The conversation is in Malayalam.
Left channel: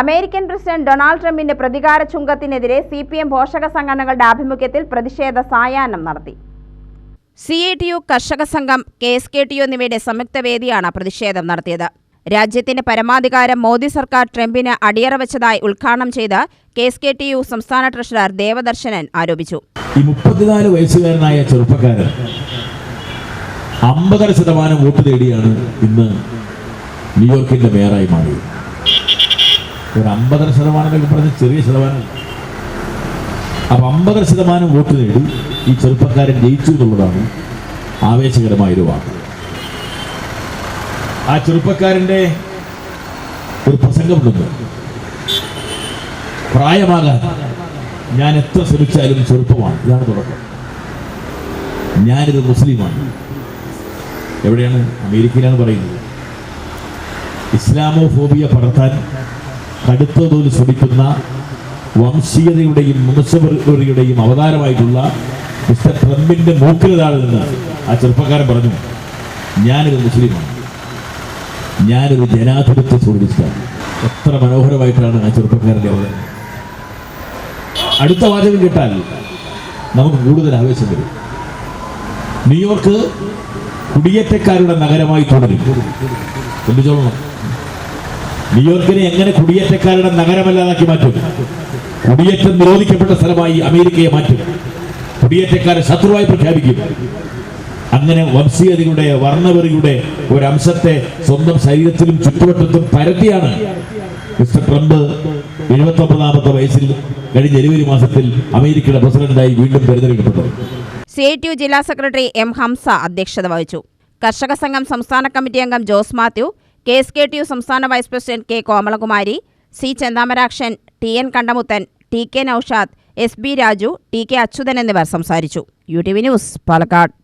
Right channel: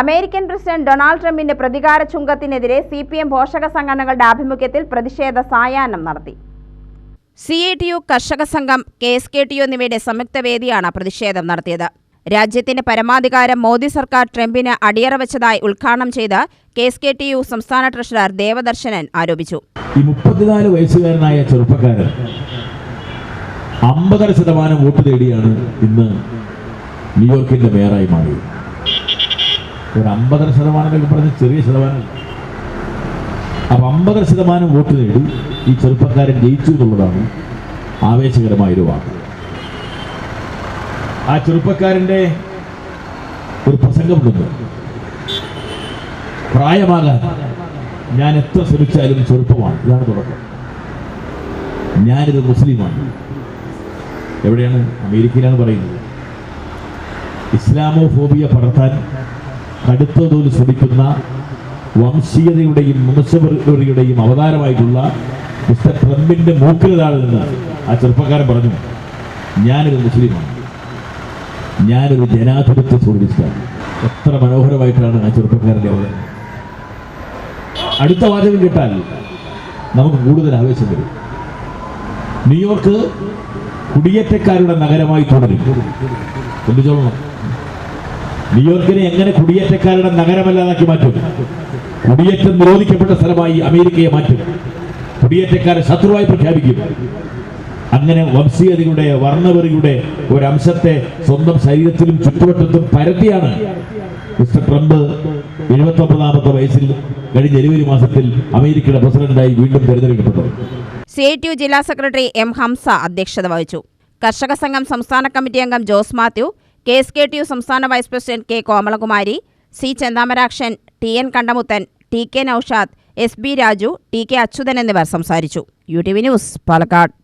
അമേരിക്കൻ പ്രസിഡന്റ് ഡൊണാൾഡ് ട്രംപിന്റെ പ്രതികാര ചുങ്കത്തിനെതിരെ സി പി എം പോഷക സംഘടനകളുടെ ആഭിമുഖ്യത്തിൽ പ്രതിഷേധ സായാഹ്നം നടത്തി. C A T U Karshaka Sangham K S K T U എന്നിവയുടെ സംയുക്ത വേദിയാണ് പ്രതിഷേധം നടത്തിയത്. രാജ്യത്തിന്റെ പരമാധികാരം മോദി സർക്കാർ ട്രംപിന് അടിയറ വെച്ചതായി ഉദ്ഘാടനം ചെയ്ത് K S K T U സംസ്ഥാന ട്രഷറർ ദേവദർശനൻ ആരോപിച്ചു. ഈ മുപ്പത്തിനാല് വയസ്സുകാരനായ ചെറുപ്പക്കാരൻ അമ്പതര ശതമാനം വോട്ട് നേടിയാണ് ഇന്ന് ന്യൂയോർക്കിന്റെ മേയറായി മാറിയത്. ഒരു അമ്പതര ശതമാനം പറഞ്ഞ ചെറിയ ശതമാനം അപ്പൊ അമ്പതര ശതമാനം വോട്ട് നേടി ഈ ചെറുപ്പക്കാരൻ ജയിച്ചു എന്നുള്ളതാണ് ആവേശകരമായ ഒരു വാക്ക്. ആ ചെറുപ്പക്കാരന്റെ ഒരു പ്രസംഗമുണ്ട് പ്രായമാകാൻ ഞാൻ എത്ര ശ്രമിച്ചാലും ചെറുപ്പമാണ്. ഇതാണ് തുടക്കം. ഞാനിത് മുസ്ലിമാണ്. എവിടെയാണ്? അമേരിക്കയിലാണ് പറയുന്നത്. ഇസ്ലാമോ ഫോബിയ പടർത്താൻ കടുത്ത തോതിൽ ശ്രമിക്കുന്ന വംശീയതയുടെയും വംശപരതയുടെയും അവതാരമായിട്ടുള്ള മിസ്റ്റർ ട്രംപിന്റെ മൂക്കിലതാളിൽ നിന്ന് ആ ചെറുപ്പക്കാരൻ പറഞ്ഞു ഞാനൊരു മുസ്ലിമാണ്. ഞാനൊരു ജനാധിപത്യ സോഷ്യലിസ്റ്റാണ്. എത്ര മനോഹരമായിട്ടാണ് ആ ചെറുപ്പക്കാരന്റെ അവതരണം. അടുത്ത വാചകം കേട്ടാൽ നമുക്ക് കൂടുതൽ ആവേശം വരും. ന്യൂയോർക്ക് കുടിയേറ്റക്കാരുടെ നഗരമായി തുടരും. ശ്രദ്ധിച്ചോളണം. ന്യൂയോർക്കിനെ എങ്ങനെ കുടിയേറ്റക്കാരുടെ നഗരമല്ലാതാക്കി മാറ്റും? കുടിയേറ്റം നിരോധിക്കപ്പെട്ട സ്ഥലമായി അമേരിക്കയെ മാറ്റും. കുടിയേറ്റക്കാരെ ശത്രുവായി പ്രഖ്യാപിക്കും. അങ്ങനെ വംശീയതയുടെ വർണവെറിയുടെ ഒരംശത്തെ സ്വന്തം ശരീരത്തിലും ചുറ്റുവട്ടത്തും പരത്തിയാണ് മിസ്റ്റർ ട്രംപ് എഴുപത്തി ഒമ്പതാമത്തെ വയസ്സിൽ കഴിഞ്ഞ ജനുവരി മാസത്തിൽ അമേരിക്കയുടെ പ്രസിഡന്റായി വീണ്ടും തെരഞ്ഞെടുക്കപ്പെട്ടത്. സി ഐ യു ജില്ലാ സെക്രട്ടറി എം ഹംസ അധ്യക്ഷത വഹിച്ചു. കർഷക സംഘം സംസ്ഥാന കമ്മിറ്റി അംഗം Jose Mathew K S K T U സംസ്ഥാന vice president K Komalakumari C Chenthamarakshan T N Kandamuthan T K Noushad S B Raju T K Achuthan എന്നിവർ സംസാരിച്ചു. U T V news Palakkad.